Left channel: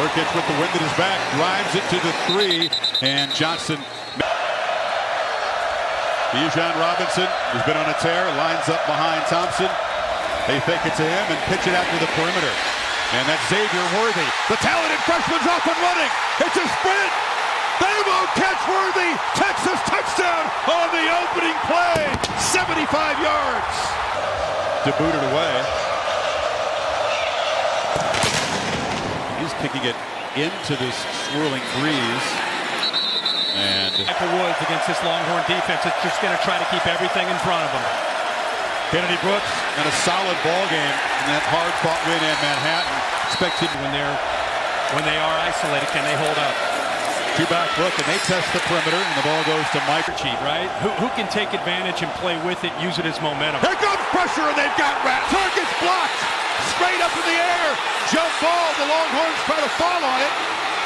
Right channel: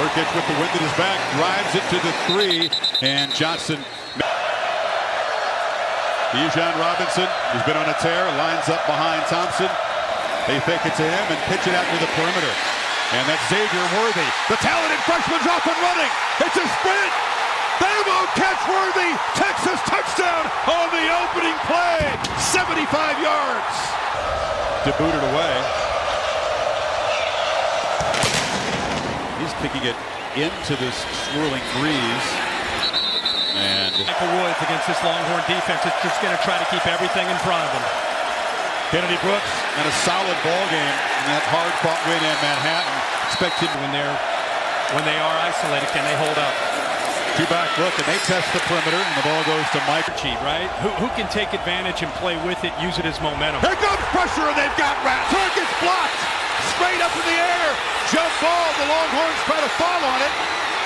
Burkitt with the wind at his back, drives it to the 3, and Johnson. Bijan Robinson, who's been on a tear, lines up behind Thompson. They fake it to him and pitch it out to the perimeter. And that's Xavier Worthy. The talented freshman's off and running. It's a sprint. They won't catch Worthy. Texas touchdown on the opening play. 75 yards. To boot it away. He's kicking it into this swirling breeze. And Michael Woods against this Longhorn defense, it's just going to try to keep everything in front of him. Kennedy Brooks and a solid ball game in that hard-fought win in Manhattan. Expected when they are isolated, can they hold up? Two-back look, and they test the perimeter, and the ball goes to Mike. Right? Who can take advantage and play with it, use it as momentum? Here comes pressure, and they've got targets blocked. Straight up in the air. Jump ball. The Longhorns try to fall on it.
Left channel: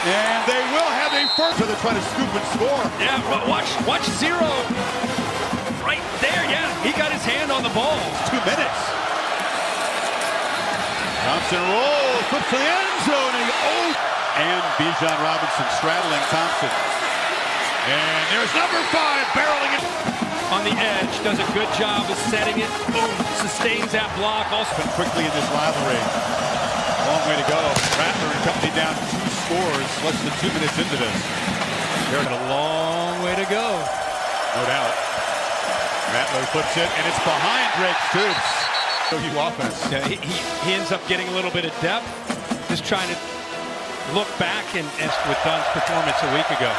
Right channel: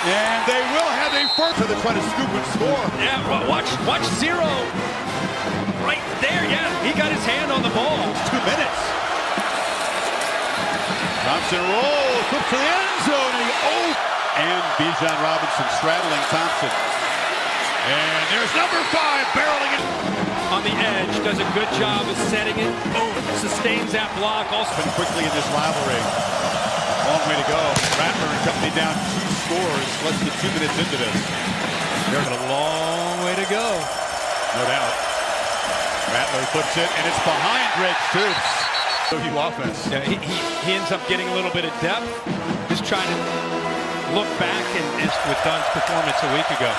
And they will have a first. So they're trying to scoop and score. Yeah, watch Zero. Right there, yeah. He got his hand on the ball. It's 2 minutes. Thompson rolls, flips to the end zone, and Bijan Robinson straddling Thompson. And there's number 5 barreling it. On the edge, does a good job of setting it. Boom, sustains that block. Also been quickly in this rivalry. Long way to go. Rattler and company down 2 scores, less than 2 minutes into this. There's a long way to go. No doubt. Rattler flips it, and it's behind Drake Stoops. So you offense. Yeah, he ends up getting a little bit of depth. Just trying to look back and with Dunn's performance a week ago.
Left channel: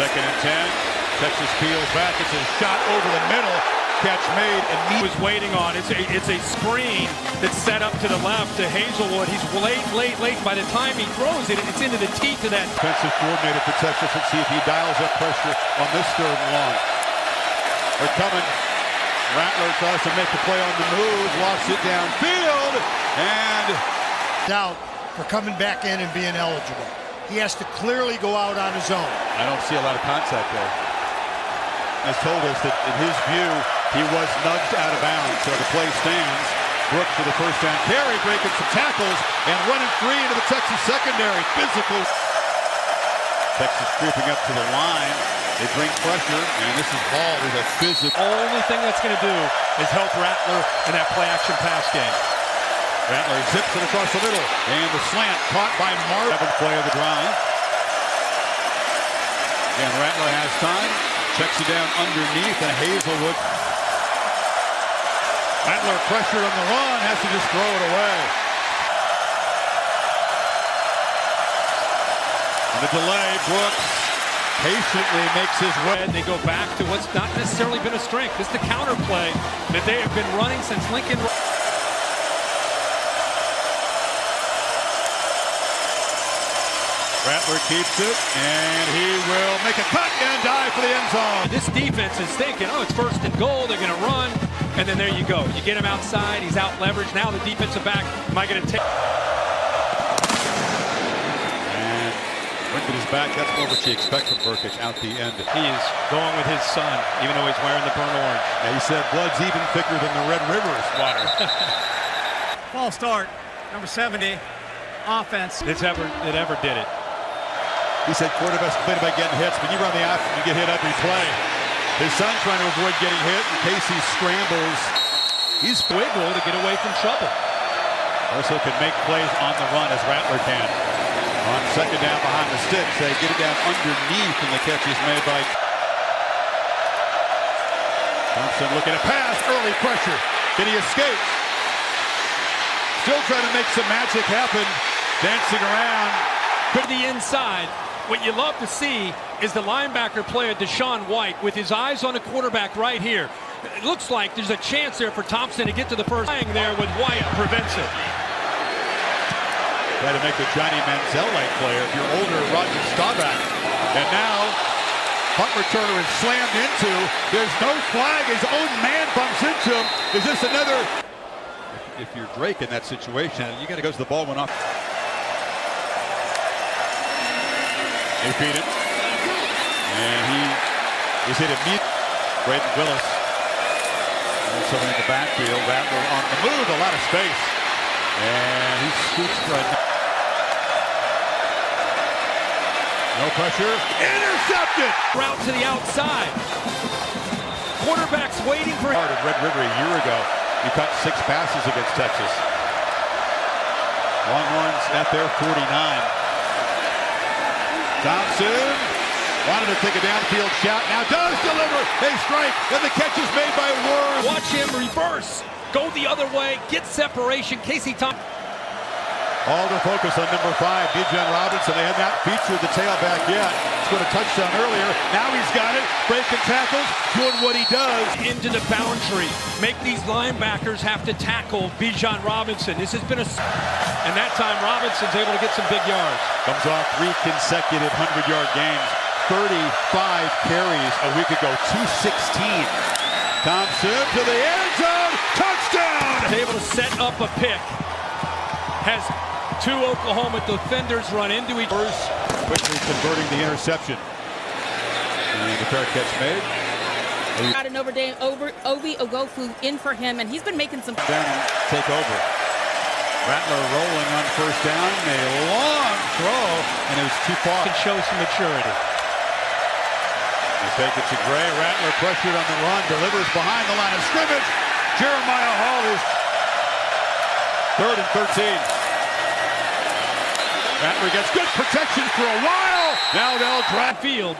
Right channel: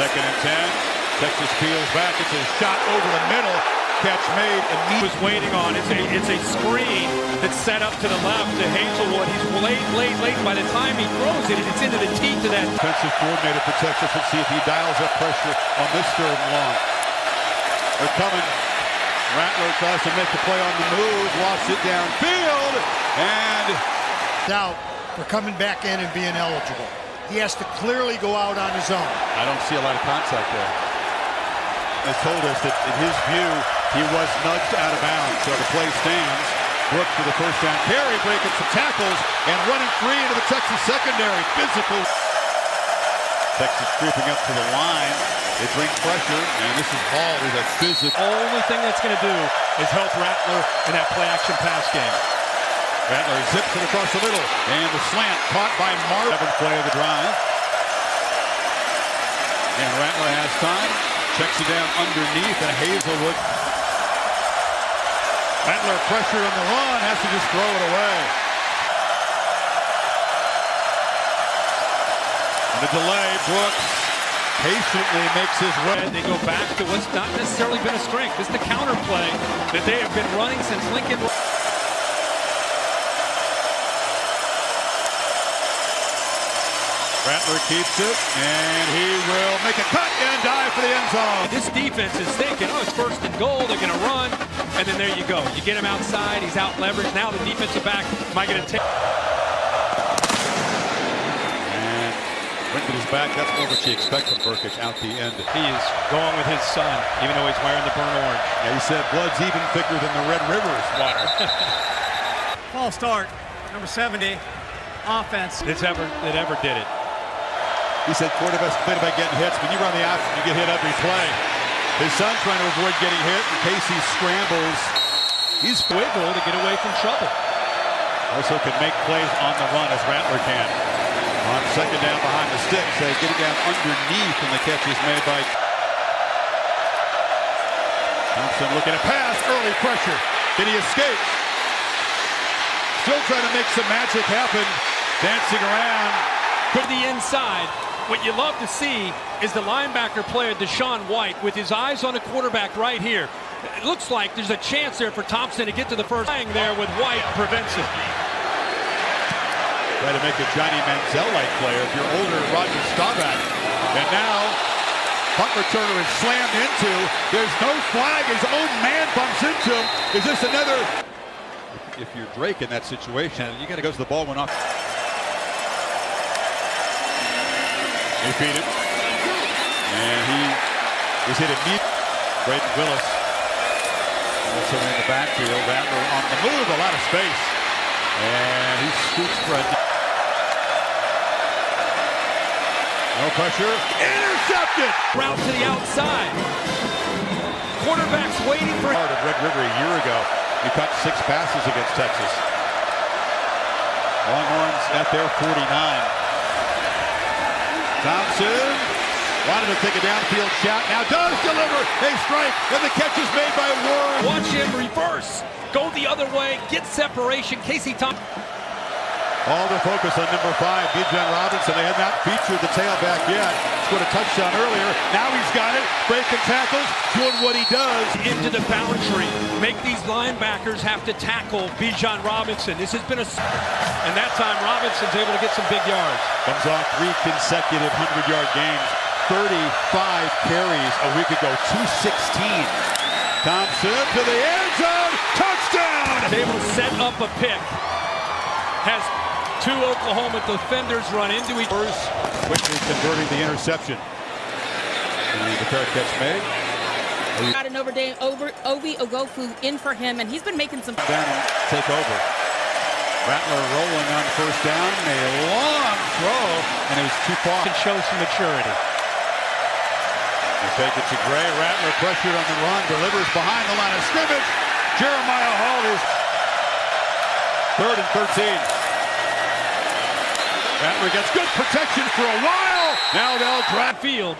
2nd and 10. Texas peels back. It's a shot over the middle. Catch made, and he was waiting on. It's a screen that's set up to the left to Hazelwood. He's late. By the time he throws it, it's into the teeth of that. Defensive coordinator for Texas. Let's see if he dials up pressure on this 3rd and long. They're coming. Rattler tries to make the play on the move, lost it downfield, and doubt for coming back in and being eligible. He has to clearly go out on his own. I don't see a lot of contact there. Has told us that in his view, he was nudged out of bounds. So the play stands. Brooks for the first down carry, breaking some tackles and running free into the Texas secondary. Physical. Texas creeping up to the line. They bring pressure, and this is Hall with a physical. Only thing that's going to do is help Rattler in that play-action pass game. Rattler zips it across the middle, and the slant caught by Marv. 7th play of the drive. Again, Rattler has time. Checks it down underneath, and Hazelwood. Rattler pressured on the run, has to just throw it away. On the delay, Brooks patiently makes his way. They go back to what's not necessarily been a strength. This is the counter play that they have been running since Lincoln. Rattler keeps it, and he will make a cut and dive for the end zone. This defense is thinking, oh, it's 1st and goal, they're going to run, and then there you go. You get him outside, he's out leveraged. Now the defensive back, am I going to take? And wind at his back, that's more what you expect from Burkitt out the end. He is going with his son, even though he's wearing the burnt orange. Yeah, he said blood's even thicker than the Red River water. False start, number 70, offense. That ever did it. He said quarterbacks complain about getting hits. When you run the option, you get hit every play. His son's trying to avoid getting hit in case he scrambles. He's wiggle to get away from trouble. Also can make plays on the run as Rattler can. On 2nd down behind the sticks, they get it down underneath, and the catch is made by Thompson looking to pass. Early pressure. Did he escape? Still trying to make some magic happen. Dancing around. To the inside. What you love to see is the linebacker player, Deshaun White, with his eyes on the quarterback right here. It looks like there's a chance there for Thompson to get to the first. Playing there with White prevents it. Try to make a Johnny Manziel-like player if you're older, Roger Staubach. And now, punt returner is slammed into. There's no flag. His own man bumps into him. Is this another? If you're Drake in that situation, you got to go to the ball went off. They feed him. And he is hit immediately. Braden Willis also in the backfield. Rattler on the move, a lot of space. And he scoots for a No pressure. Intercepted. Route to the outside. Quarterback's waiting for Part of Red River a year ago. He caught 6 passes against Texas. Longhorns at their 49. Thompson wanted to take a downfield shot. Now does deliver a strike, and the catch is made by Word. Watch him reverse. Go the other way. Get separation. Casey Thompson. All the focus on number 5, Bijan Robinson. They had not featured the tailback yet. Scored a touchdown earlier. Now he's got it. Breaking tackles, doing what he does. Into the boundary. Make these linebackers have to tackle Bijan Robinson. This has been and that time Robinson's able to get some big yards. Comes off 3 consecutive 100-yard games. 35 carries a week ago. 216. Thompson to the end zone. Touchdown! He's able to set up a pick. Has 2 Oklahoma defenders run into each other. Quickly converting the interception. And the fair catch made. Got an Ovi Ogofu in for him, and he's been making some. Down and take over. Rattler rolling on first down. A long throw, and it was too far. Can show some maturity. They take it to Gray. Rattler pressured on the run. Delivers behind the line of scrimmage. Jeremiah Hall is 3rd and 13. Rattler gets good protection for a while. Now they'll drive Field,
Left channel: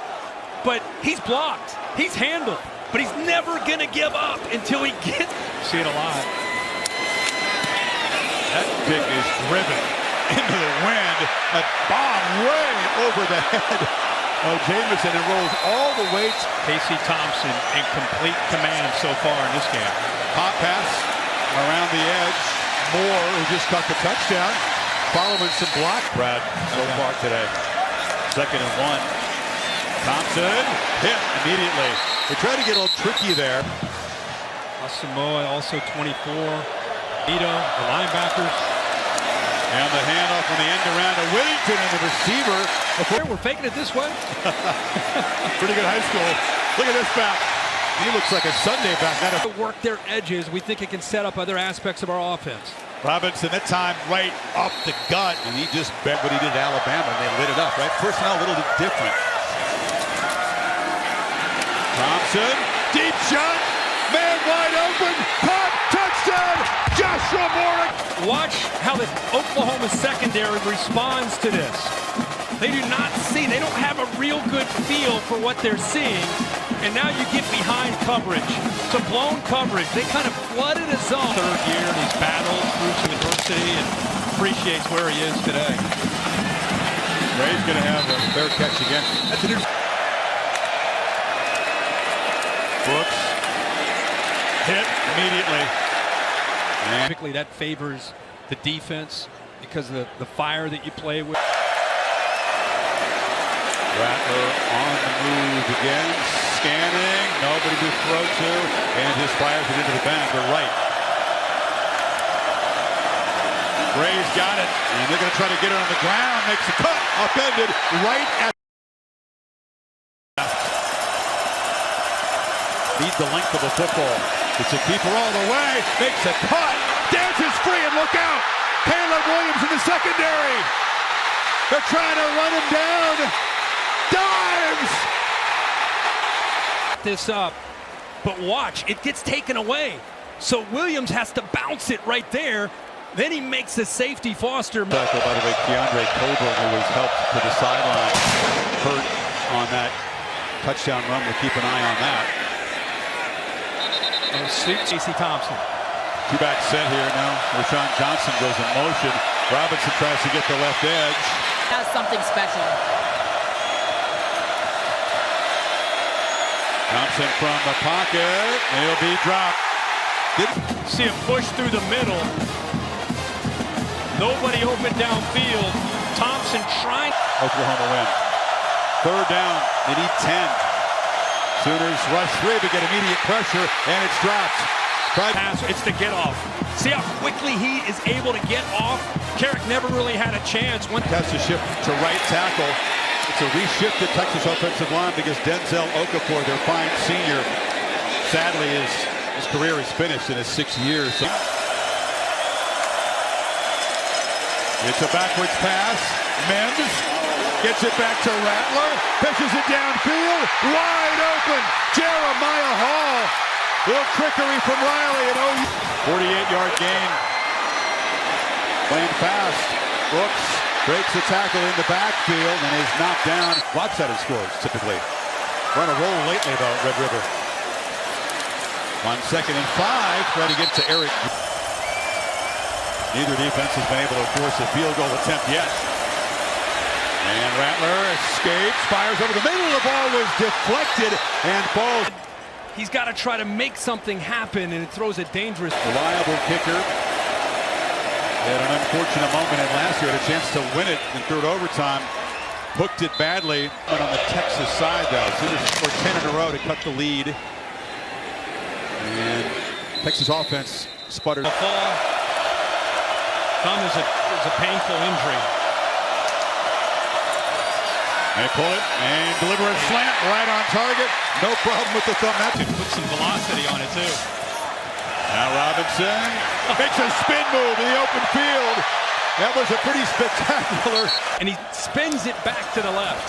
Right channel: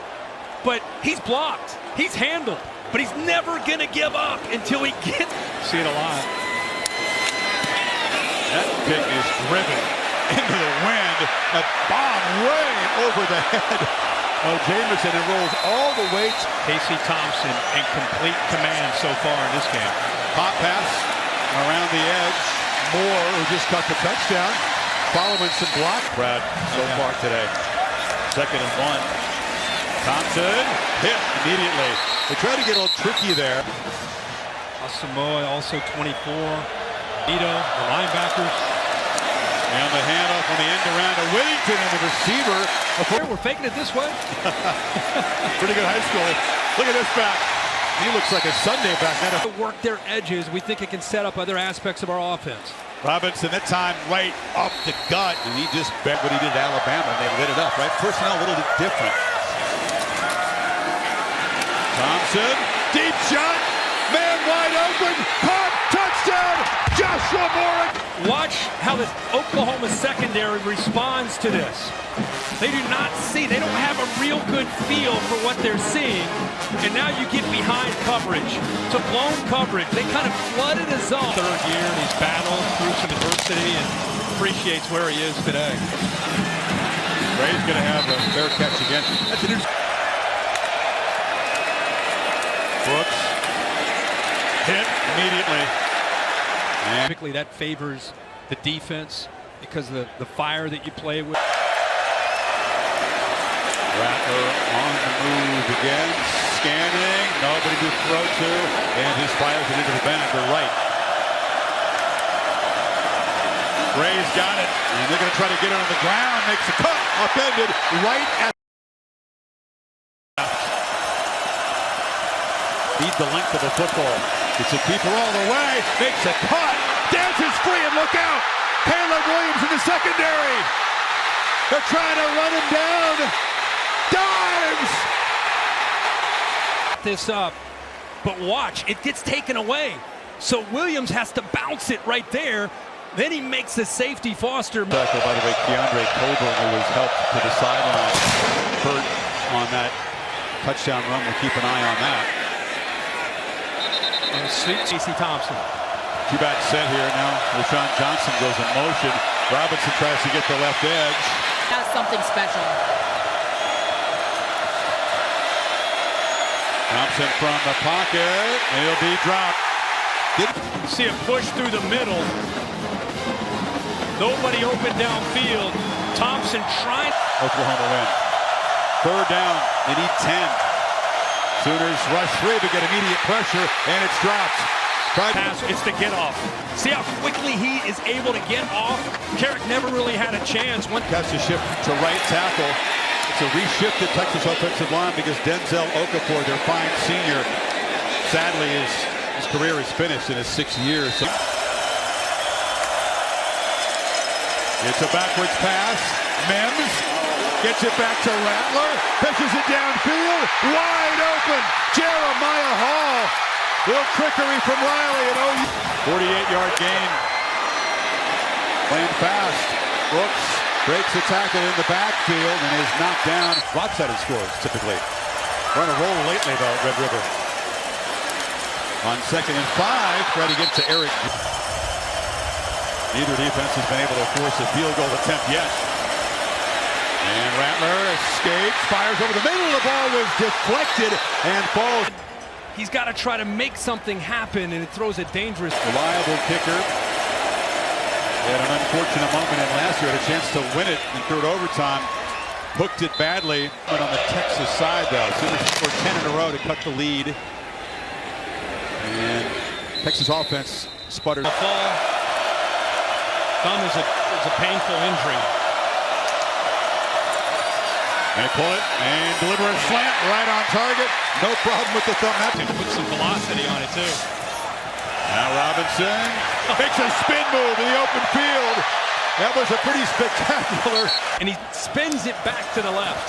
but he's blocked. He's handled, but he's never going to give up until he gets. See it a lot. That kick is driven into the wind. A bomb way over the head of Jamison and rolls all the way to Casey Thompson in complete command so far in this game. pop pass around the edge. Moore, who just caught the touchdown, following some block, Brad, so far today. 2nd and 1. Thompson hit immediately. They try to get a little tricky there. Asamoah also 24. Nito, the linebackers. And the handoff on the end around to Whittington and the receiver. We're faking it this way. Pretty good high school. Look at this back. He looks like a Sunday back. Not a To work their edges, we think it can set up other aspects of our offense. Robinson, that time right up the gut, and he just bet what he did at Alabama, and they lit it up, right? Personnel a little bit different. Thompson, deep shot, man wide open, caught, touchdown, Joshua Moore. Watch how the Oklahoma secondary responds to this. They do not see, they don't have a real good feel for what they're seeing. And now you get behind coverage. Some blown coverage. They kind of flooded a zone. 3rd year, and he's battled through some adversity and appreciates where he is today. Ray's going to have a fair catch again. That's an Brooks hit immediately. And Typically, that favors the defense because of the fire that you play with. Rattler on the move again, scanning, nobody to throw to, and just fires it into the band to right. Ray's got it, and they're going to try to get it on the ground, makes a cut, upended right at left. Need the length of a football. It's a keeper all the way, makes a cut, dances free, and look out! Caleb Williams in the secondary. They're trying to run him down. Dives! This up, but watch, it gets taken away. So Williams has to bounce it right there. Then he makes the safety Foster. Tackle, by the way, Keandre Coburn, who was helped to the sideline, hurt on that touchdown run. We'll keep an eye on that. Casey Thompson. 2-back set here now. Rashawn Johnson goes in motion. Robinson tries to get the left edge. That's something special. Thompson from the pocket. He'll be dropped. See a push through the middle. Nobody open downfield. Thompson trying. Oklahoma win. 3rd down. They need 10. Sooners rush 3 but get immediate pressure, and it's dropped. Pass, it's the get off. See how quickly he is able to get off. Carrick never really had a chance. Has to shift to right tackle. It's a reshifted Texas offensive line because Denzel Okafor, their fine senior, sadly his career is finished in his 6 years. So it's a backwards pass. Mims Gets it back to Rattler. Pitches it downfield. Wide open. Jeremiah Hall. Little trickery from Riley at OU. 48-yard gain. Playing fast. Brooks breaks the tackle in the backfield and is knocked down. Lopsided scores typically. Run a roll lately though, Red River. On 2nd and 5, try to get to Eric. Neither defense has been able to force a field goal attempt yet. And Rattler escapes, fires over the middle. The ball was deflected and falls. He's got to try to make something happen, and it throws a dangerous. Reliable kicker. He had an unfortunate moment in last year. Had a chance to win it in third overtime. Hooked it badly. But on the Texas side, though, Sooners scored 10 in a row to cut the lead. And Texas offense sputtered. A fall. Thumb is a painful injury. They pull it and deliver a slant right on target. No problem with the thumb. Put some velocity on it, too. Now Robinson makes a spin move in the open field. That was a pretty spectacular. And he spins it back to the left.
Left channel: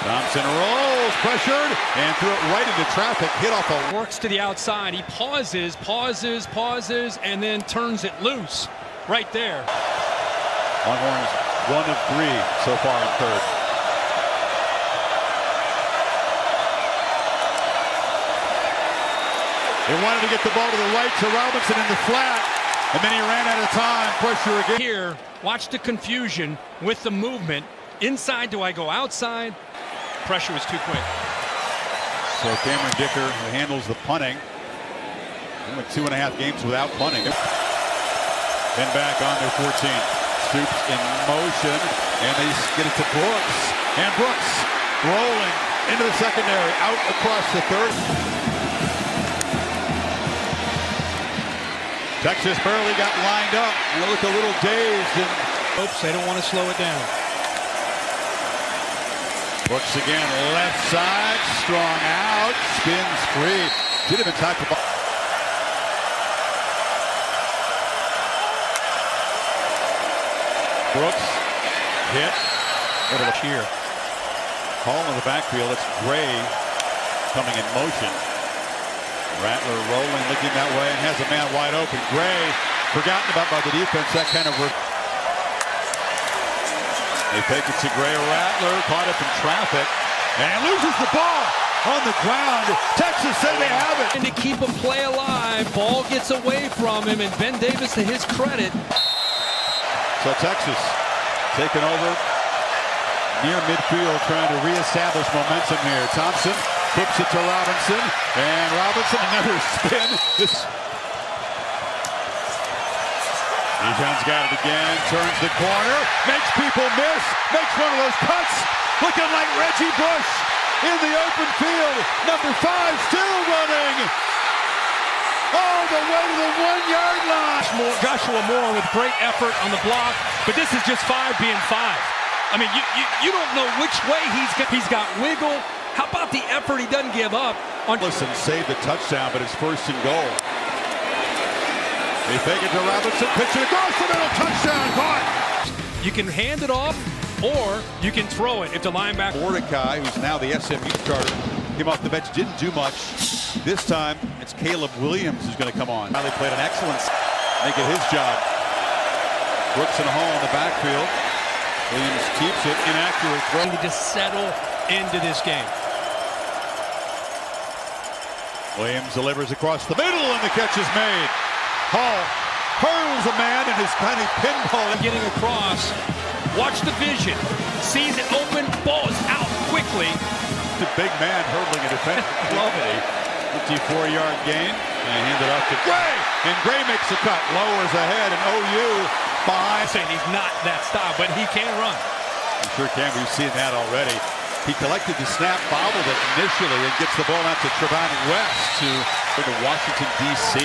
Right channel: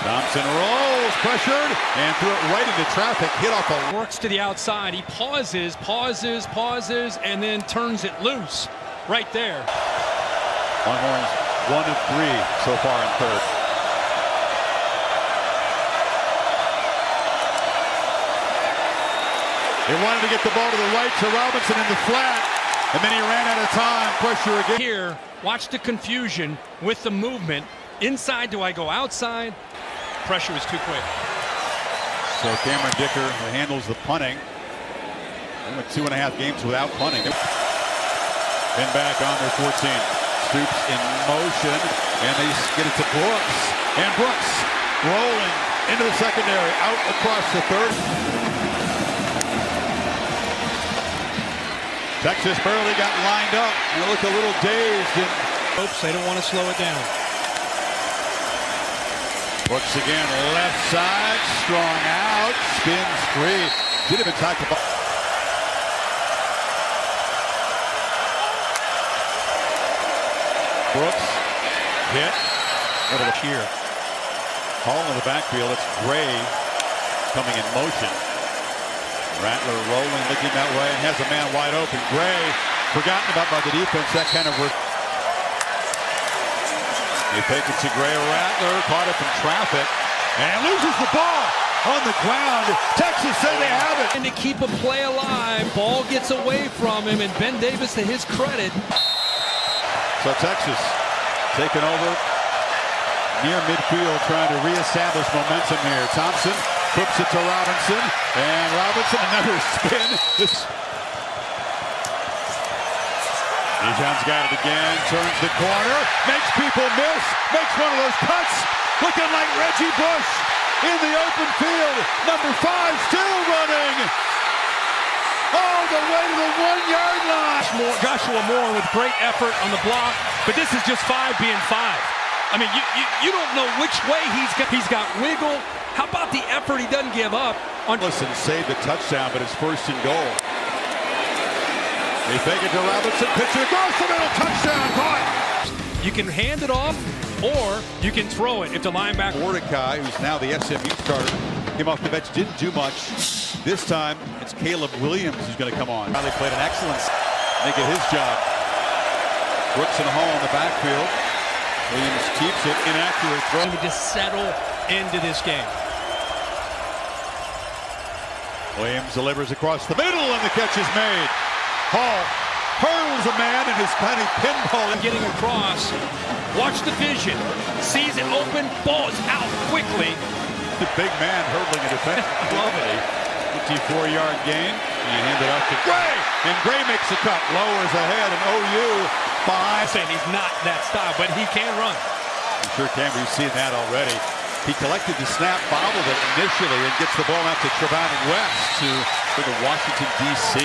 Thompson rolls, pressured, and threw it right into traffic. Hit off a... Works to the outside. He pauses, and then turns it loose right there. Longhorns 1 of 3 so far in third. They wanted to get the ball to the right to Robinson in the flat, and then he ran out of time. Pressure again. Here, watch the confusion with the movement. Inside, do I go outside? Pressure was too quick. So Cameron Dicker, who handles the punting, they went 2.5 games without punting. Been back on their 14. Stoops in motion, and they get it to Brooks. And Brooks rolling into the secondary, out across the third. Texas barely got lined up and look a little dazed. And hopes they don't want to slow it down. Brooks again, left side, strong out, spins free. Didn't even tackle the ball. Brooks hit, able to cheer. Hall in the backfield. It's Gray coming in motion. Rattler rolling, looking that way, and has a man wide open. Gray, forgotten about by the defense. That kind of. They fake it to Gray. Rattler caught up in traffic and loses the ball on the ground. Texas say they have it. And to keep a play alive, ball gets away from him, and Ben Davis, to his credit. So Texas taking over near midfield, trying to reestablish momentum here. Thompson flips it to Robinson, and Robinson another spin. Bijan's got it again, turns the corner, makes people miss, makes one of those cuts, looking like Reggie Bush in the open field. Number 5 still running. All the way to the 1-yard line. Joshua Moore with great effort on the block, but this is just 5 being 5. I mean, you don't know which way he's got wiggle. How about the effort he doesn't give up? Listen, saved the touchdown, but it's 1st and goal. They fake it to Robinson, pitch it across the middle, touchdown, caught. You can hand it off, or you can throw it if the linebacker. Mordecai, who's now the SMU starter, came off the bench, didn't do much. This time, it's Caleb Williams who's going to come on. Riley played an excellent, make it his job. Brooks and Hall in the backfield. Williams keeps it, inaccurate throw. To just settle into this game. Williams delivers across the middle, and the catch is made. Hall hurls a man in his tiny pinball. Getting across. Watch the vision. Sees it open. Ball is out quickly. The big man hurdling a defender. Love it. 54-yard gain. And hand it off to Gray. And Gray makes a cut. Lowers ahead. And OU behind. I'm saying he's not that style, but he can run. He sure can. We've seen that already. He collected the snap, bobbled it initially, and gets the ball out to Trevon West to Washington, D.C.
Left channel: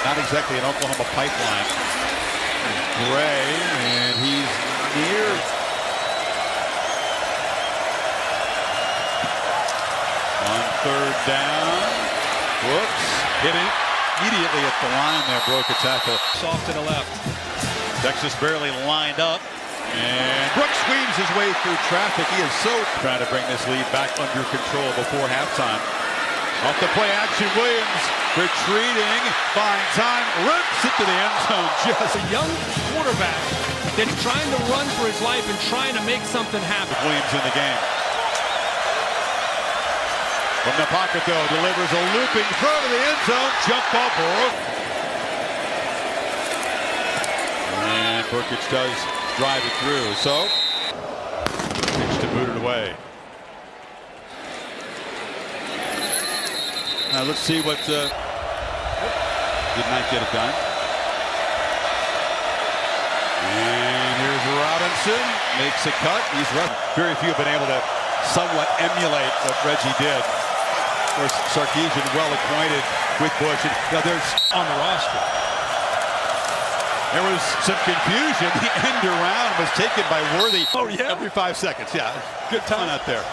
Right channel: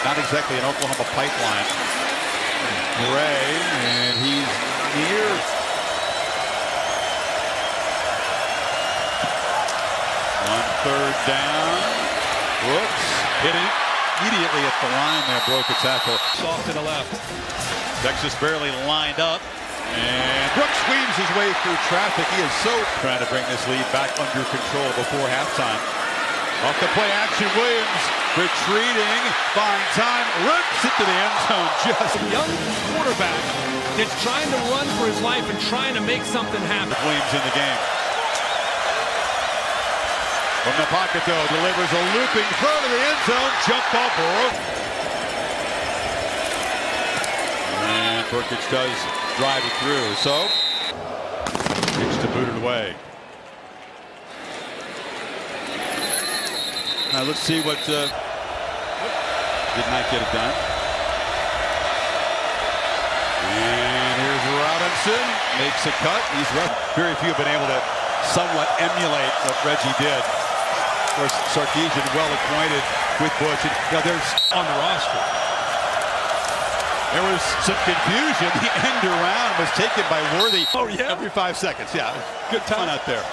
Not exactly an Oklahoma pipeline. Gray, and he's near. On 3rd down, Brooks hit it immediately at the line there, broke a tackle. Soft to the left. Texas barely lined up, And Brooks weaves his way through traffic. He is so trying to bring this lead back under control before halftime. Off the play action, Williams retreating, finds time, rips it to the end zone. Just A young quarterback that's trying to run for his life and trying to make something happen. Williams in the game. From the pocket, though, delivers a looping throw to the end zone. Jump ball broke. And Burkich does drive it through. So, pitch to boot it away. Now let's see what did not get it done. And here's Robinson, makes a cut. He's rough. Very few have been able to somewhat emulate what Reggie did. Of course, Sarkisian well acquainted with Bush. And, there's On the roster. There was some confusion. The end around was taken by Worthy. Oh, yeah? Every 5 seconds. Yeah, good time out there.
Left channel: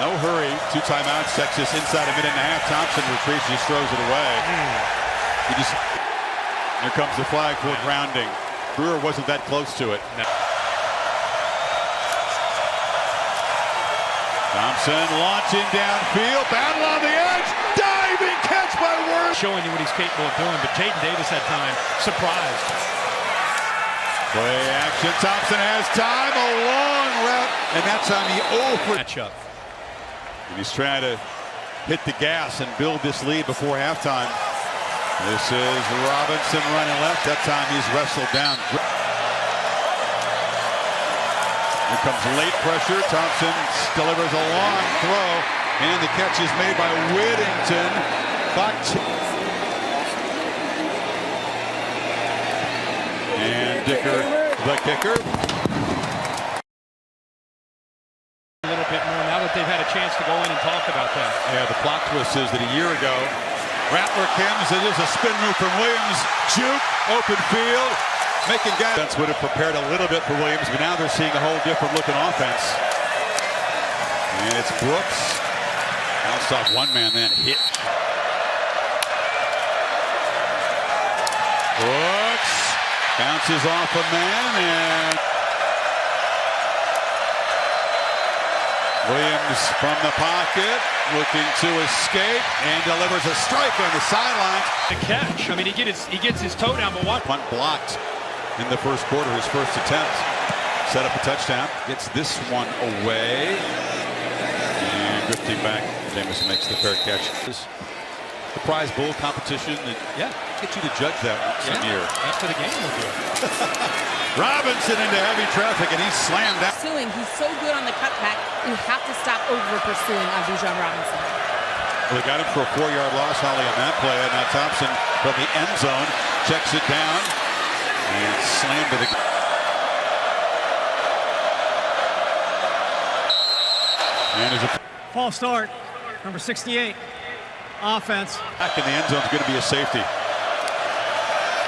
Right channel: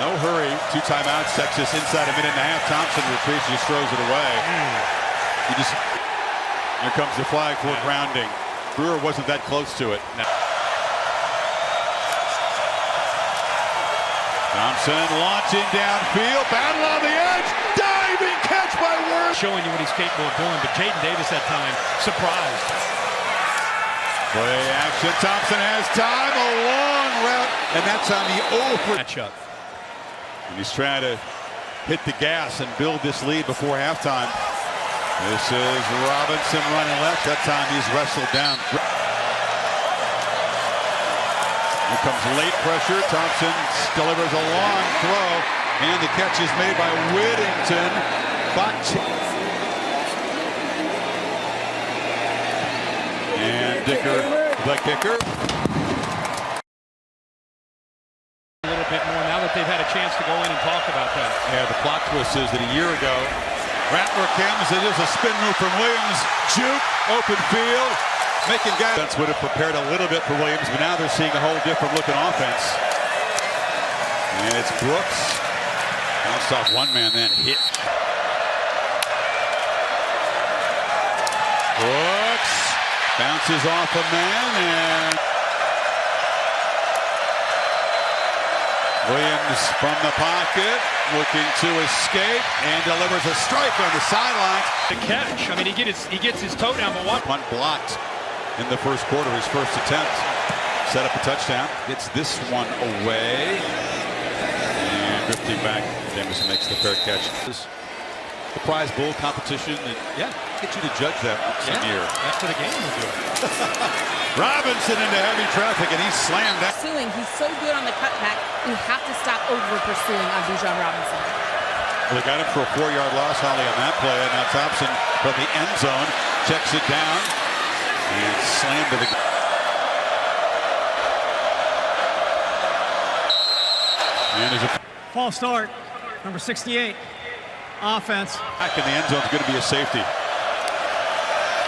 No hurry. 2 timeouts. Texas inside a minute and a half. Thompson retreats, just throws it away. Here comes the flag for grounding. Brewer wasn't that close to it. No. Thompson launching downfield. Battle on the edge. Diving catch by Worthy. Showing you what he's capable of doing, but Jaden Davis that time surprised. Play action. Thompson has time. A long route. And that's on the over. Matchup. And he's trying to hit the gas and build this lead before halftime. This is Robinson running left. That time he's wrestled down. Here comes late pressure. Thompson delivers a long throw. And the catch is made by Whittington. And Dicker, the kicker. A little bit more now that they've had a chance to go in and talk about that. Yeah, the plot twist is that a year ago, Rattler comes and there's a spin move from Williams. Juke, open field, making guys. That's would have prepared a little bit for Williams, but now they're seeing a whole different looking offense. And it's Brooks. Bounced off one man, then hit. Brooks bounces off a man and Williams from the pocket, looking to escape and delivers a strike on the sideline. The catch. I mean, he gets his toe down, but what? Punt blocked in the first quarter, his first attempt. Set up a touchdown. Gets this one away. And drifting back, Jameson makes the fair catch. The prize bowl competition, and get you to judge that some year. After the game, we'll do it. Robinson into heavy traffic, and he's slammed out. Pursuing, he's so good on the cutback. You have to stop over pursuing on Bijan Robinson. Well, they got him for a 4-yard loss, Holly, on that play. And now Thompson from the end zone checks it down and slammed to the. And there's a False start. Number 68. Offense. back in the end zone is going to be a safety.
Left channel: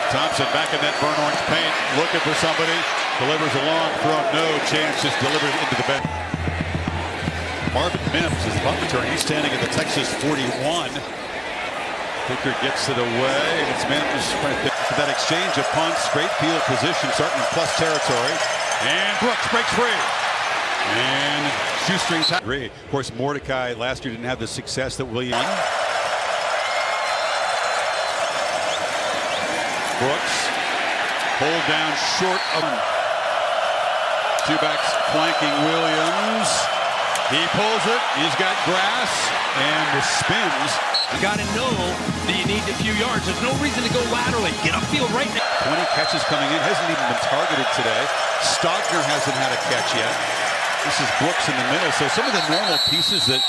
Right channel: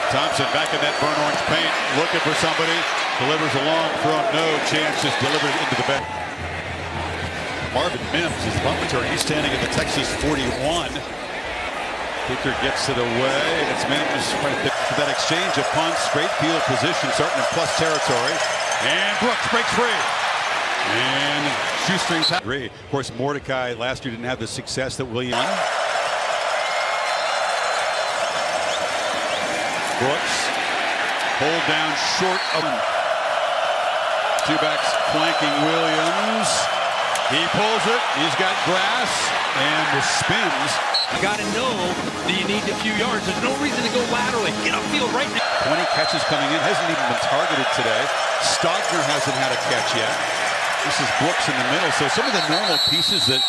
Thompson back in that burnt orange paint, looking for somebody. Delivers a long throw, no chance, just delivered it into the bench. Marvin Mims is the punt returner. He's standing at the Texas 41. Kicker gets it away, and it's Mims right there for that exchange of punts. Great field position, starting in plus territory. And Brooks breaks free. And shoestrings. Of course, Mordecai last year didn't have the success that Williams. Brooks pulled down short of 2 backs flanking Williams. He pulls it. He's got grass and the spins. You got to know that you need a few yards. There's no reason to go laterally. Get upfield right now. 20 catches coming in. Hasn't even been targeted today. Stogner hasn't had a catch yet. This is Brooks in the middle. So some of the normal pieces that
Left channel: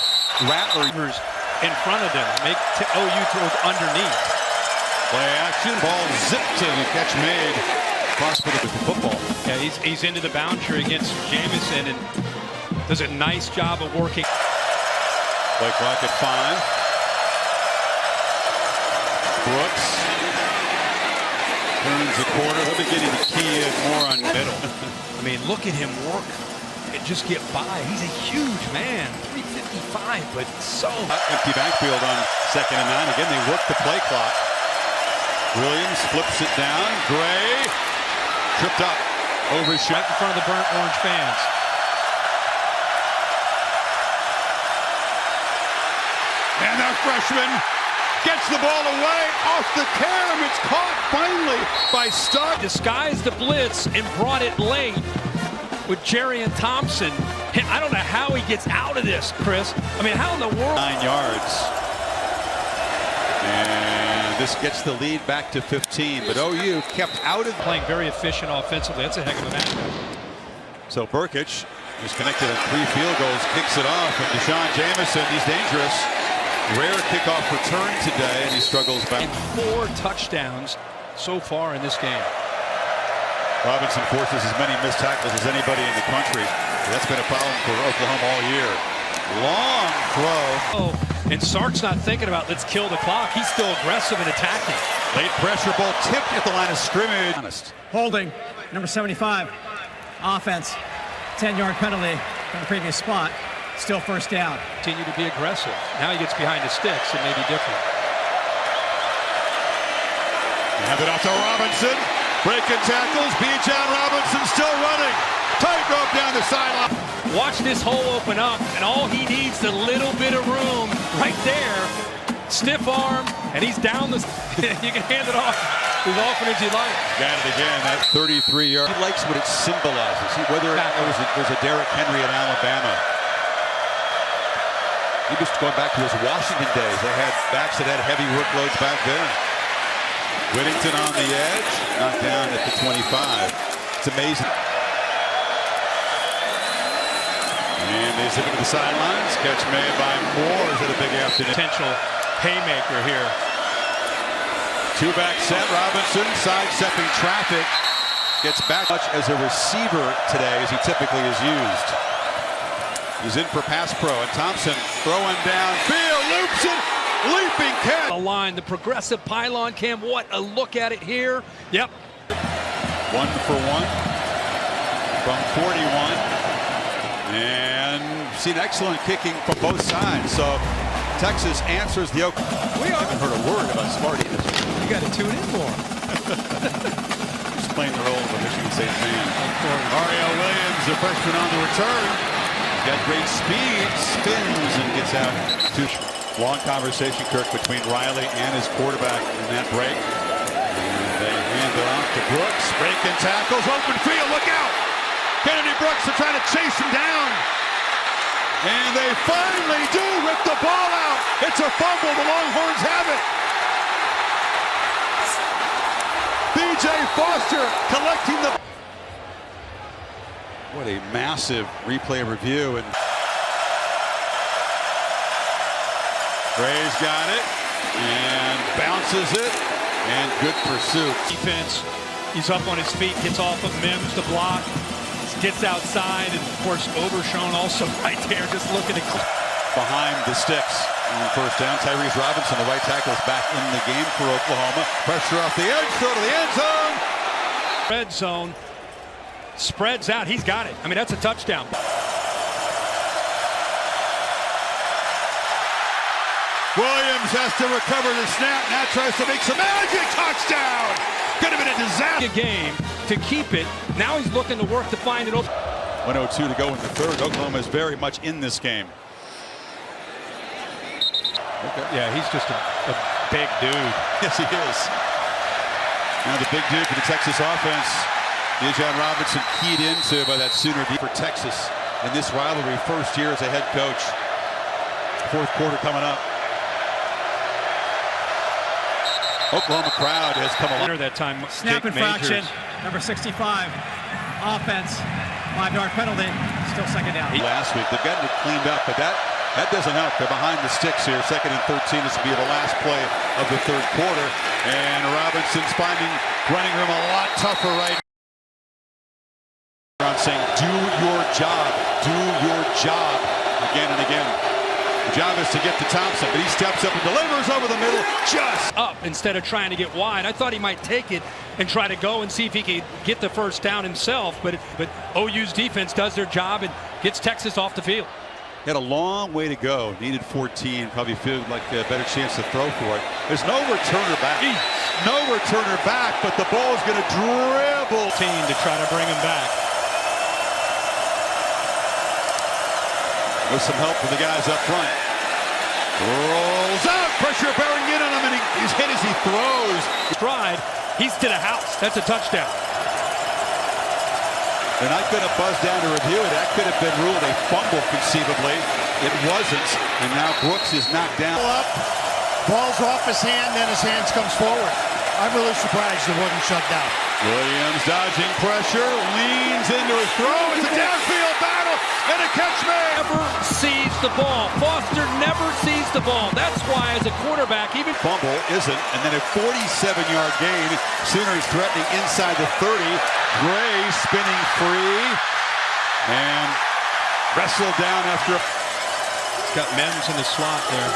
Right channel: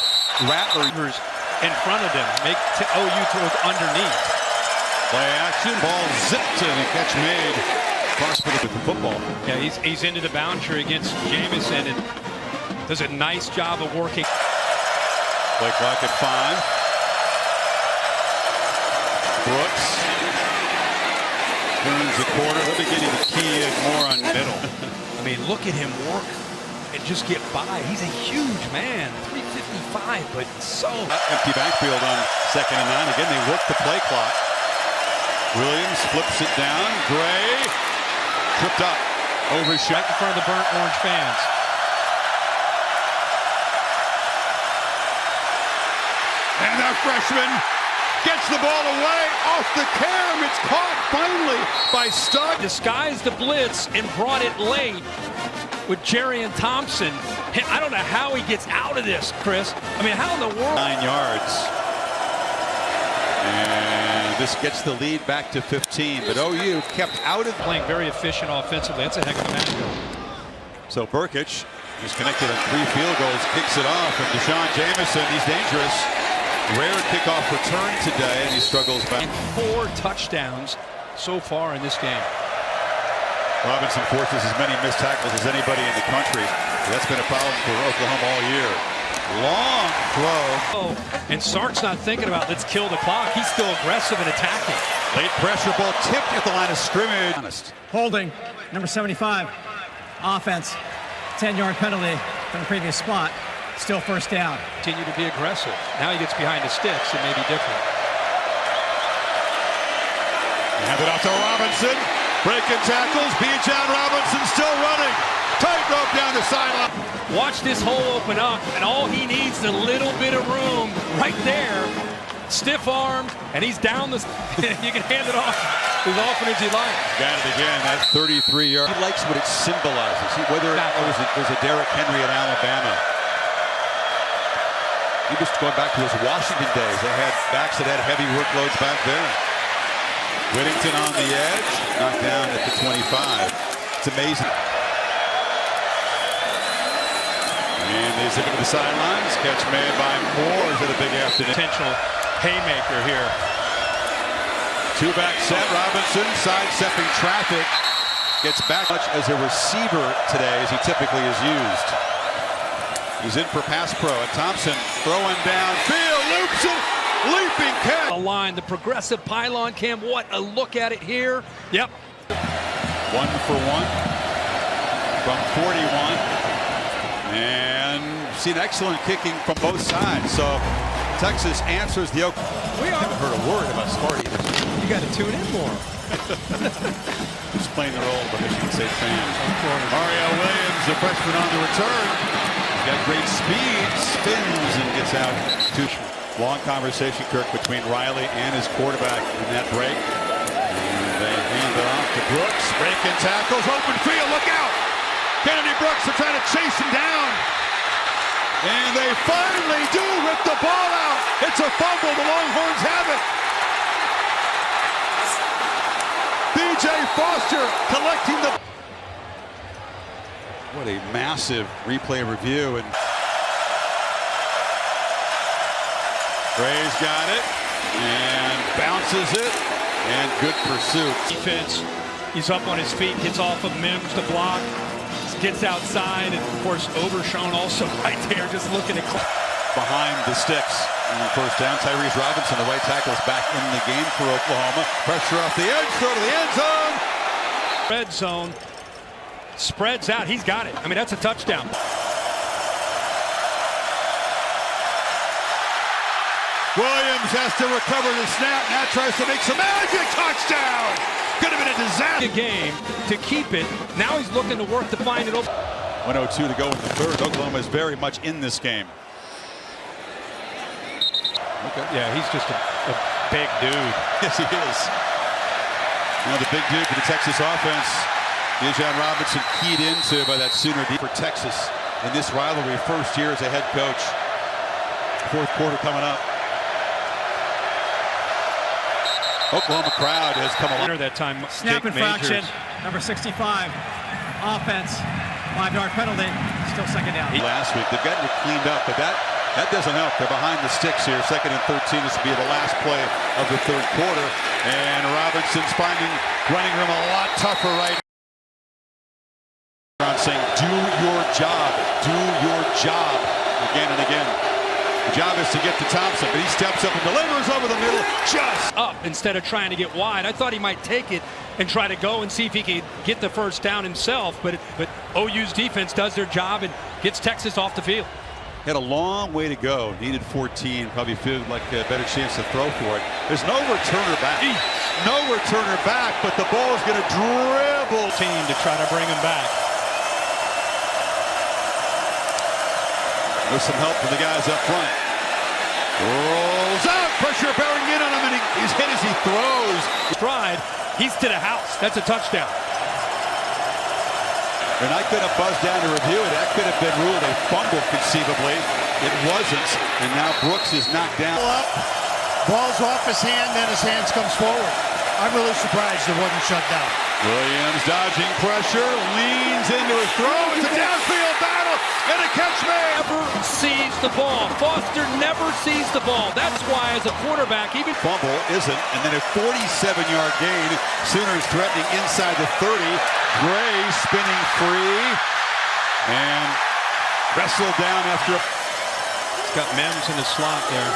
Rattler in front of them make OU throws underneath. Play action, ball zipped and a catch made. Cross with the football. Yeah, he's into the boundary against Jameson and does a nice job of working. Play clock at 5. Brooks turns the corner. They're beginning to key in more on middle. I mean, look at him work and just get by. He's a huge man, 355, but so. Empty backfield on 2nd and 9. Again, they work the play clock. Williams flips it down. Gray tripped up. Overshot. Right in front of the burnt orange fans. And that freshman gets the ball away off the carom. It's caught finally by Studd. Disguised the blitz and brought it late with Jarian Thompson. I don't know how he gets out of this, Chris. I mean, how in the world? 9 yards. And this gets the lead back to 15. But OU kept out of Playing very efficient offensively. That's a heck of a matchup. So Burkich is connected on 3 field goals, kicks it off, and Deshaun Jamison, he's dangerous. Rare kickoff return today, and he struggles back. And 4 touchdowns so far in this game. Robinson forces as many missed tackles as anybody in the country. That's been a problem for Oklahoma all year. Long throw. Oh, and Sark's not thinking about let's kill the clock. He's still aggressive and attacking. Late pressure ball tipped at the line of scrimmage. Honest. Holding, number 75. Offense, 10-yard penalty from the previous spot. Still first down. Continue to be aggressive. Now he gets behind the sticks. It may be different. Hand it off to Robinson. Breaking tackles. Bijan Robinson still running. Tightrope down the sideline. Watch this hole open up, and all he needs is a little bit of room right there. Stiff arm, and he's down the. You can hand it off as often as you like. Got it again. That 33-yard. He likes what it symbolizes. Whether it was a Derrick Henry at Alabama. He was going back to his Washington days. They had backs that had heavy workloads back there. Whittington on the edge, knocked down at the 25. It's amazing. And they zip it to the sidelines. Catch made by Moore. Is it a big afternoon? Potential haymaker here. 2-back set. Robinson sidestepping traffic. Gets back much as a receiver today as he typically is used. He's in for pass pro, and Thompson throwing downfield, loops it, leaping catch. The line, the progressive pylon cam. What a look at it here. Yep. 1 for 1 from 41. And seen excellent kicking from both sides. So Texas answers the Oak. We haven't heard a word about Sparty this year. You got to tune in more. Who's playing the role of a Michigan State fan? Of course. Mario Williams, the freshman on the return. He's got great speed, spins and gets out. Long conversation, Kirk, between Riley and his quarterback in that break. And they hand it off to Brooks. Breaking tackles, open field, look out! Kennedy Brooks are trying to chase him down. And they finally do rip the ball out. It's a fumble. The Longhorns have it. B.J. Foster collecting the... What a massive replay review. And Gray's got it and bounces it. And good pursuit. Defense, he's up on his feet, gets off of Mims to block. Gets outside, and of course Overshown also right there, just looking at behind the sticks. On first down, Tyrese Robinson, the right tackle, is back in the game for Oklahoma. Pressure off the edge, throw to the end zone. Red zone spreads out. He's got it. I mean, that's a touchdown. Williams has to recover the snap. Now tries to make some magic. Touchdown. Could have been a disaster. Game to keep it. Now he's looking to work to find it open. 1:02 to go in the third. Oklahoma is very much in this game. Okay. Yeah, he's just a big dude. Yes, he is. Now the big dude for the Texas offense. Bijan Robinson keyed into by that Sooner deep for Texas in this rivalry. First year as a head coach. Fourth quarter coming up. Oklahoma crowd has come along. That time. Snap infraction, number 65. Offense, 5-yard penalty. Still second down. Last week they've gotten it cleaned up, but that doesn't help. They're behind the sticks here. 2nd and 13. This will be the last play of the third quarter, and Robinson's finding running room a lot tougher right now. Saying, "Do your job, do your job," again and again. The job is to get to Thompson, but he steps up and delivers over the middle, just up instead of trying to get wide. I thought he might take it and try to go and see if he could get the first down himself, but OU's defense does their job and gets Texas off the field. Had a long way to go. Needed 14. Probably feel like a better chance to throw for it. There's no returner back. No returner back, but the ball is going to dribble. Team to try to bring him back. With some help from the guys up front. Rolls out, pressure bearing in on him, and he's hit as he throws. Stride, he's to the house. That's a touchdown. They're not going to buzz down to review it. That could have been ruled a fumble conceivably. It wasn't, and now Brooks is knocked down. Up, ball's off his hand, then his hands comes forward. I'm really surprised it wasn't shut down. Williams dodging pressure, leans into his throw. It's a downfield battle, and a catch made. Never sees the ball. Foster never sees the ball. That's why, as a quarterback, even Fumble isn't, and then a 47-yard gain. Sooners threatening inside the 30. Gray spinning free, and wrestled down after a... He's got Mims in the slot there.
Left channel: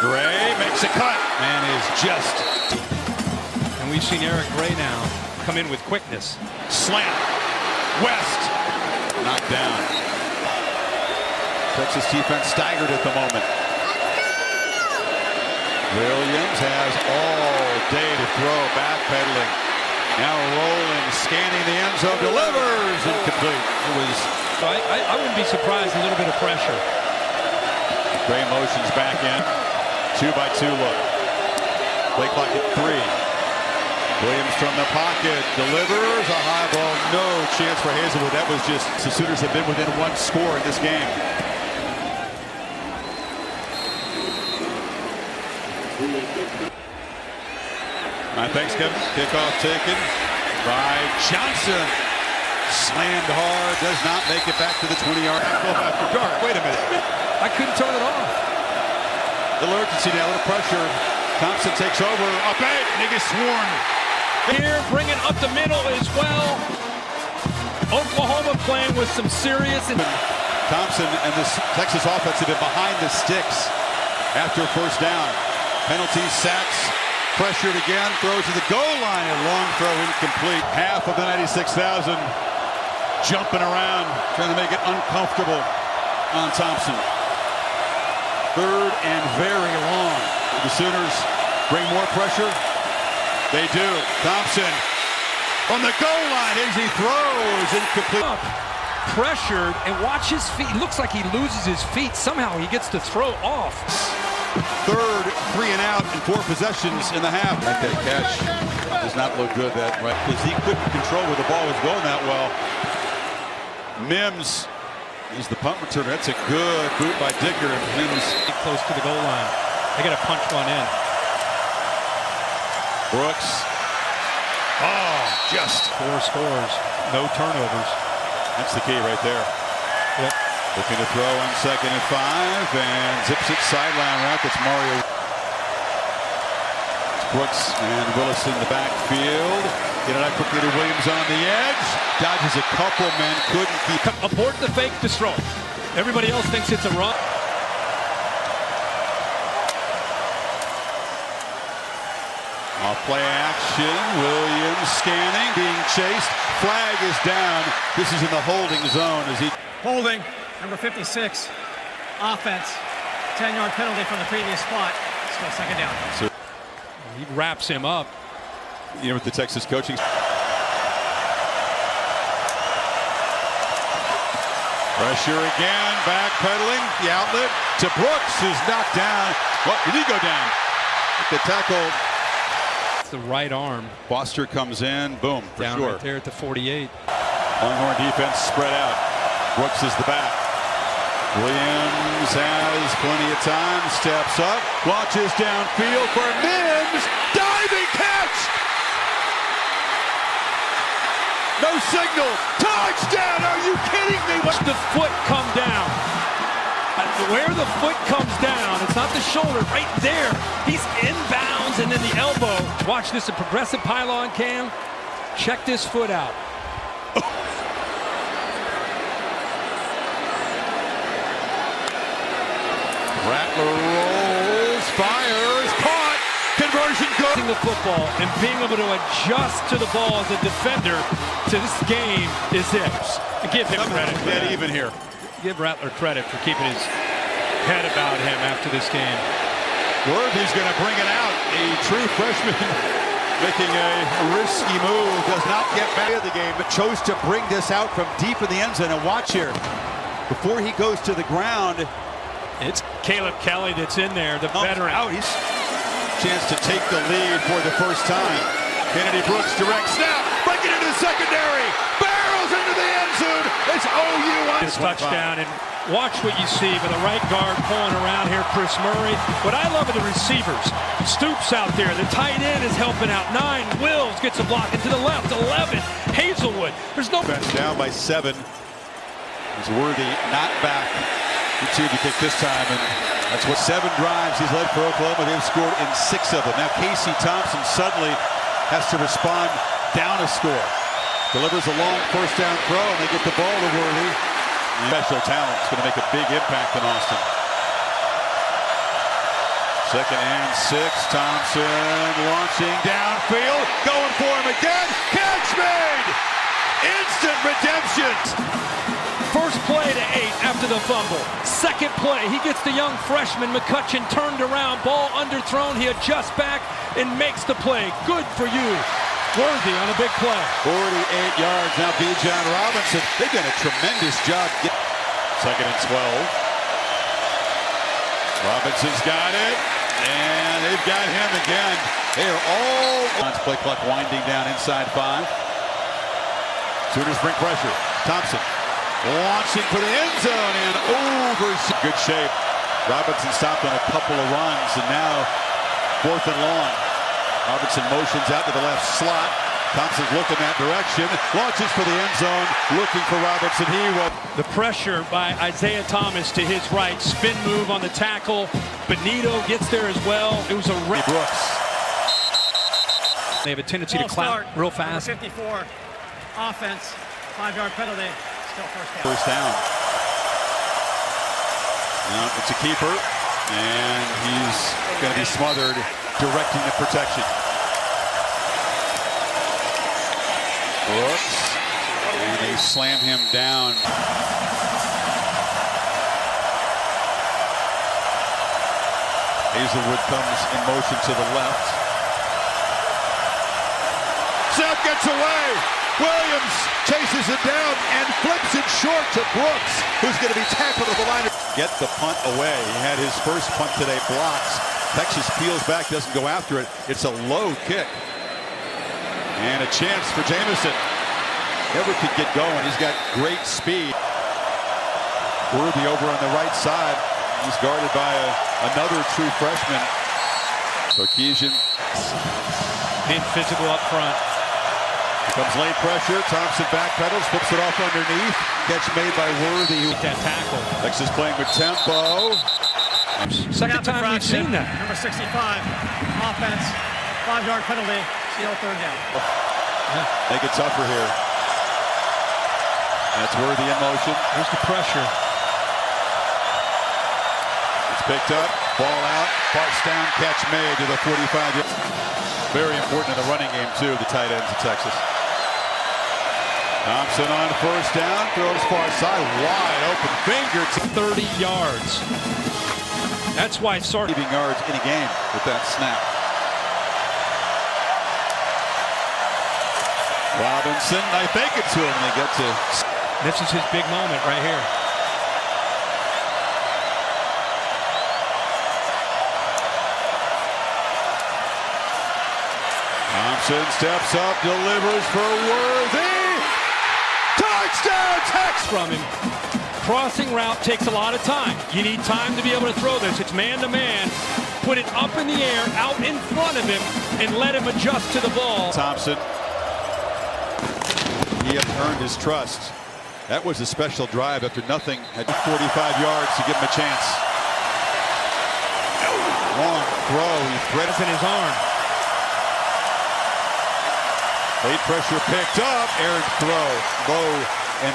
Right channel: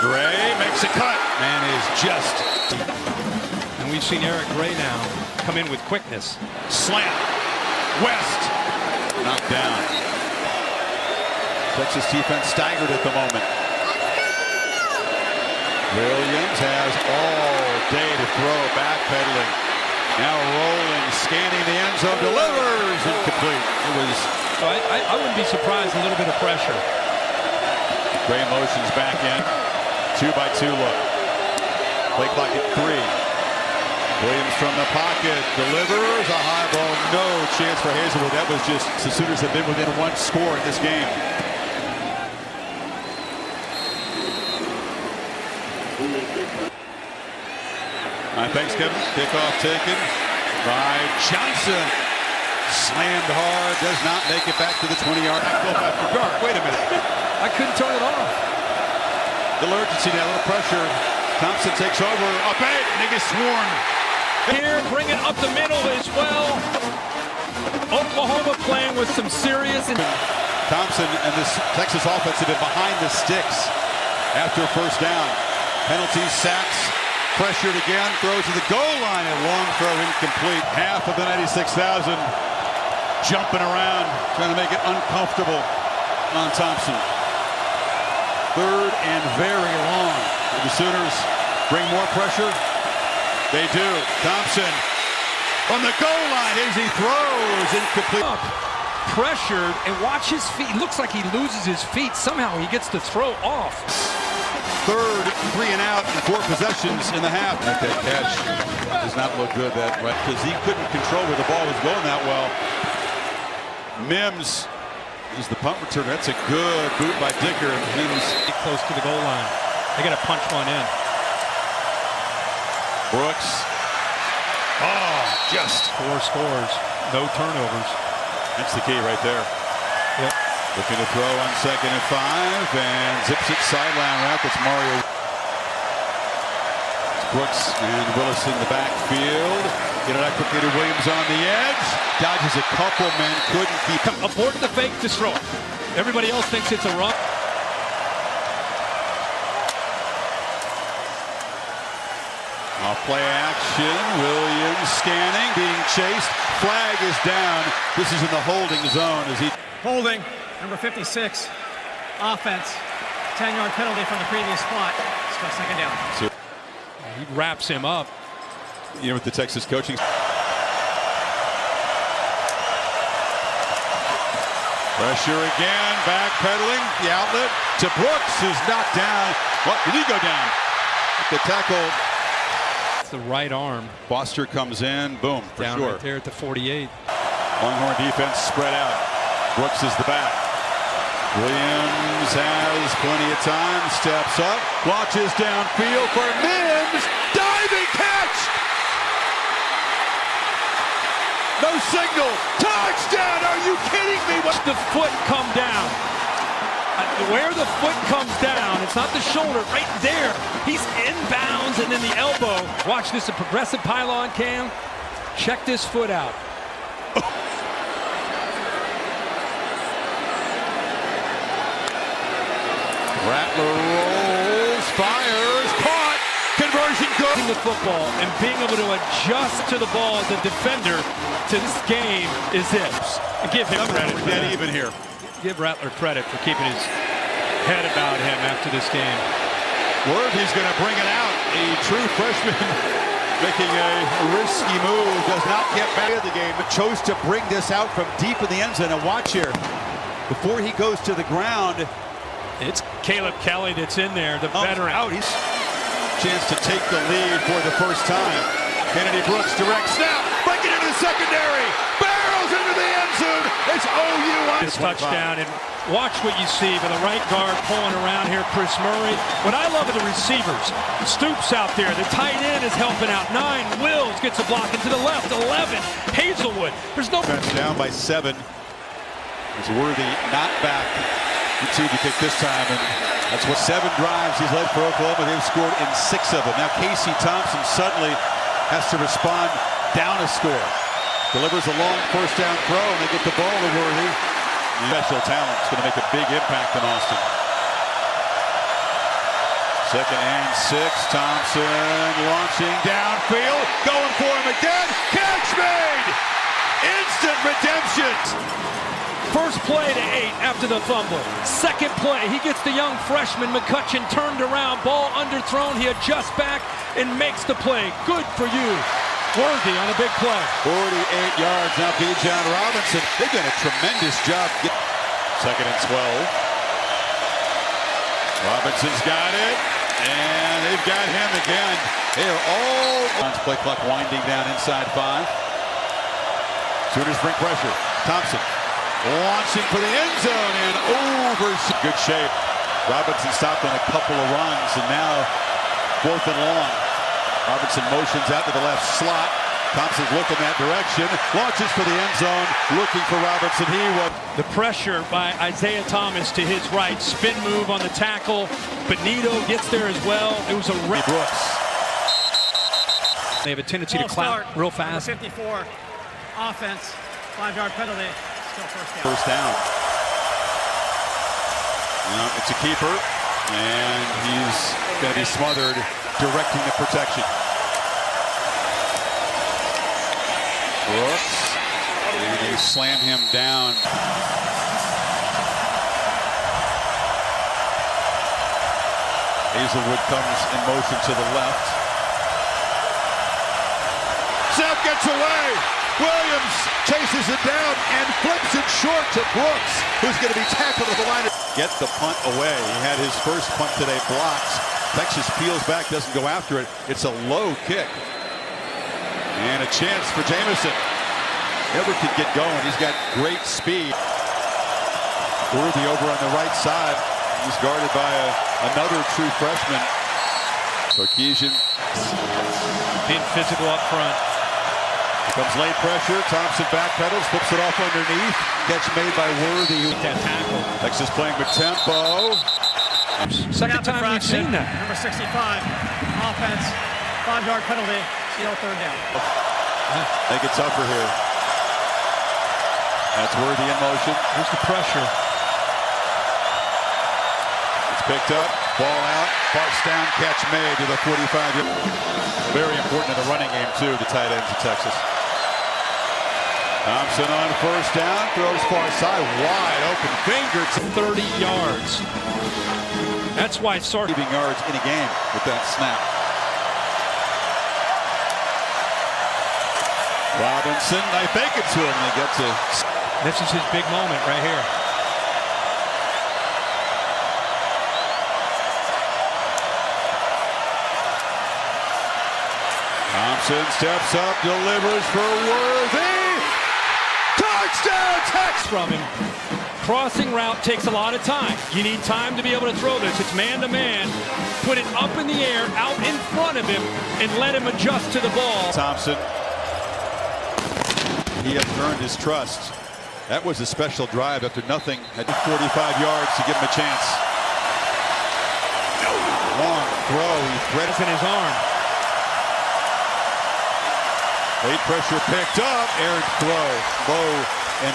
Gray makes a cut and is just deep. And we've seen Eric Gray now come in with quickness. Slant. West. Knocked down. Texas defense staggered at the moment. Williams has all day to throw, backpedaling. Now rolling, scanning the end zone, delivers, incomplete. It was... So I wouldn't be surprised, a little bit of pressure. Gray motions back in. 2-by-2 look. Play clock at 3. Williams from the pocket delivers a high ball. No chance for Hazelwood. That was just, the Sooners have been within one score in this game. Thanks, Kevin. Kickoff taken by Johnson. Slammed hard. Does not make it back to the 20-yard after dark. Wait a minute. I couldn't turn it off. Little urgency now, a little pressure. Thompson takes over, up 8, and he gets swarmed. Here, bring it up the middle as well. Oklahoma playing with some serious... Thompson and this Texas offense have been behind the sticks after first down. Penalties, sacks, pressured again, throws to the goal line, and long throw incomplete. Half of the 96,000 jumping around, trying to make it uncomfortable on Thompson. 3rd and very long. Will the Sooners bring more pressure? They do. Thompson from the goal line as he throws, incomplete. Pressured, and watch his feet. It looks like he loses his feet. Somehow he gets the throw off. 3rd, 3 and out, and 4 possessions in the half. Make that catch. Does not look good that right, because he couldn't control where the ball was going that well. Mims is the punt returner. That's a good boot by Dicker. Mims close to the goal line. They got to punch one in. Brooks. Oh, just 4 scores, no turnovers. That's the key right there. Yep. Looking to throw on 2nd and 5, and zips it sideline route. That's Mario. It's Brooks and Willis in the backfield. Get it out quickly to Williams on the edge. Dodges a couple men, couldn't keep. Abort the fake, destroy. Everybody else thinks it's a run. Off play action. Williams scanning, being chased. Flag is down. This is in the holding zone as he. Holding, number 56, offense, 10-yard penalty from the previous spot. Still 2nd down. So, he wraps him up. You know, with the Texas coaching. Pressure again, backpedaling, the outlet to Brooks, who's knocked down. What, did he go down? The tackle. It's the right arm. Foster comes in, boom, for down sure. Right there at the 48. Longhorn defense spread out. Brooks is the back. Williams has plenty of time, steps up, launches downfield for Mims, diving catch! No signal, touchdown, are you kidding me? Watch the foot come down. Where the foot comes down, it's not the shoulder, right there. He's inbounds and then the elbow. Watch this, a progressive pylon cam. Check this foot out. Rattler rolls, fires, caught, conversion good. The football and being able to adjust to the ball as a defender to this game is it. And give him credit for that. Even here. Give Rattler credit for keeping his head about him after this game. Worthy's going to bring it out. A true freshman making a risky move. Does not get back in the game, but chose to bring this out from deep in the end zone. And watch here. Before he goes to the ground, it's Caleb Kelly that's in there, the veteran. Out. He's chance to take the lead for the first time. Kennedy Brooks direct snap, breaking into the secondary, barrels into the end zone. It's OU on his touchdown, and watch what you see with the right guard pulling around here, Chris Murray. What I love are the receivers. Stoops out there. The tight end is helping out. 9, Wills gets a block into the left. 11, Hazelwood. There's no defense down by 7. It's Worthy not back. Let's see if he kick this time, and that's what 7 drives he's led for Oklahoma. They've scored in 6 of them. Now Casey Thompson suddenly has to respond down a score. Delivers a long first down throw, and they get the ball to Worthy. Special talent is going to make a big impact in Austin. 2nd and 6. Thompson launching downfield, going for him again. Catch made! Instant redemption. First play to 8 after the fumble. Second play, he gets the young freshman McCutcheon turned around, ball underthrown. He adjusts back and makes the play. Good for you. Worthy on a big play. 48 yards. Now Bijan Robinson. They've done a tremendous job. 2nd and 12. Robinson's got it, and they've got him again. They are all play clock winding down inside 5. Sooners bring pressure. Thompson launching for the end zone and over. Good shape. Robinson stopped on a couple of runs, and now 4th and long. Robinson motions out to the left slot. Thompson's looking that direction. Launches for the end zone. Looking for Robinson. He was. The pressure by Isaiah Thomas to his right. Spin move on the tackle. Benito gets there as well. It was a Brooks. They have a tendency to clout real fast. Number 54, offense, 5-yard penalty. Still first down. First down. Now it's a keeper, and he's going to be smothered, directing the protection. Brooks, and they slam him down. Hazelwood comes in motion to the left. Snap gets away. Williams chases it down and flips it short to Brooks, who's going to be tackled at the line. Get the punt away. He had his first punt today blocked. Texas peels back, doesn't go after it. It's a low kick. And a chance for Jamison. Never could get going. He's got great speed. Worthy over on the right side. He's guarded by another true freshman. Sarkisian. Being physical up front. Here comes late pressure. Thompson backpedals, flips it off underneath. Catch made by Worthy. That tackle. Texas playing with tempo. Second time we've seen that. Number 65, offense, 5-yard penalty, still 3rd down. Make it tougher here. That's Worthy in motion. Here's the pressure. It's picked up, ball out, first down, catch made to the 45. Very important in the running game, too, the tight ends of Texas. Thompson on first down, throws far side, wide open, fingertips. 30 yards. That's why Leaving yards in a game with that snap. Robinson, I fake it to him. They get to. This is his big moment right here. Thompson steps up, delivers for Worthy. Touchdown, Texas! From him. Crossing route takes a lot of time. You need time to be able to throw this. It's man-to-man. Put it up in the air, out in front of him, and let him adjust to the ball. Thompson. He has earned his trust. That was a special drive after nothing. Had 45 yards to give him a chance. Long throw. He threads in his arm. Late pressure picked up. Errant throw. Low and.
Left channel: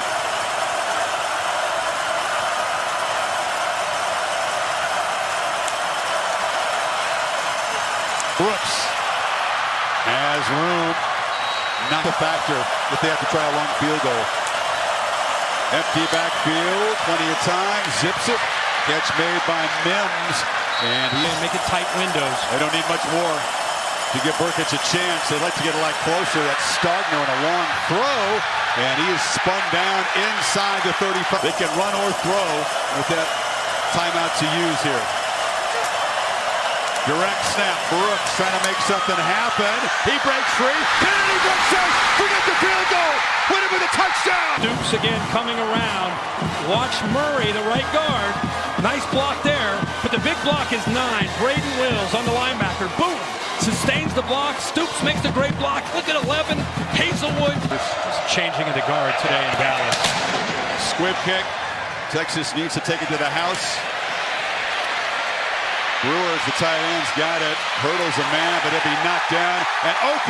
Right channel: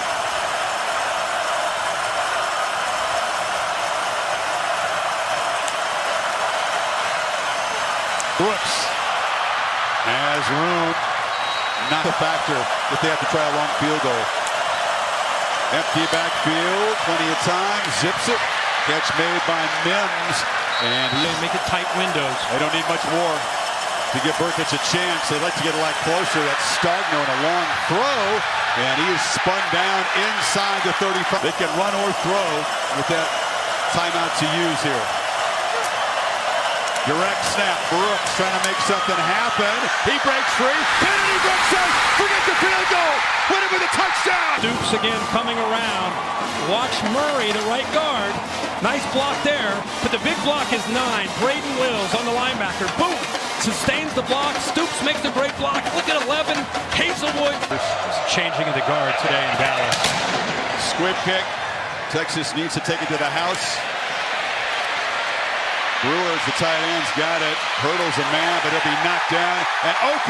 Brooks has room. Not a factor if they have to try a long field goal. Empty backfield, plenty of time, zips it. Catch made by Mims. And he Make it tight windows. They don't need much more to give Burkitt a chance. They like to get a lot closer. That's Stogner in a long throw, and he is spun down inside the 35. They can run or throw with that timeout to use here. Direct snap. Brooks trying to make something happen. He breaks free. Kennedy Brooks says, forget the field goal. Win it with a touchdown. Stoops again coming around. Watch Murray, the right guard. Nice block there, but the big block is 9. Braden Wills on the linebacker. Boom! Sustains the block. Stoops makes the great block. Look at 11. Hazelwood. There's changing of the guard today in Dallas. Squib kick. Texas needs to take it to the house. Brewers, the tight ends, got it. Hurdles a man, but he'll be knocked down. And Oklahoma.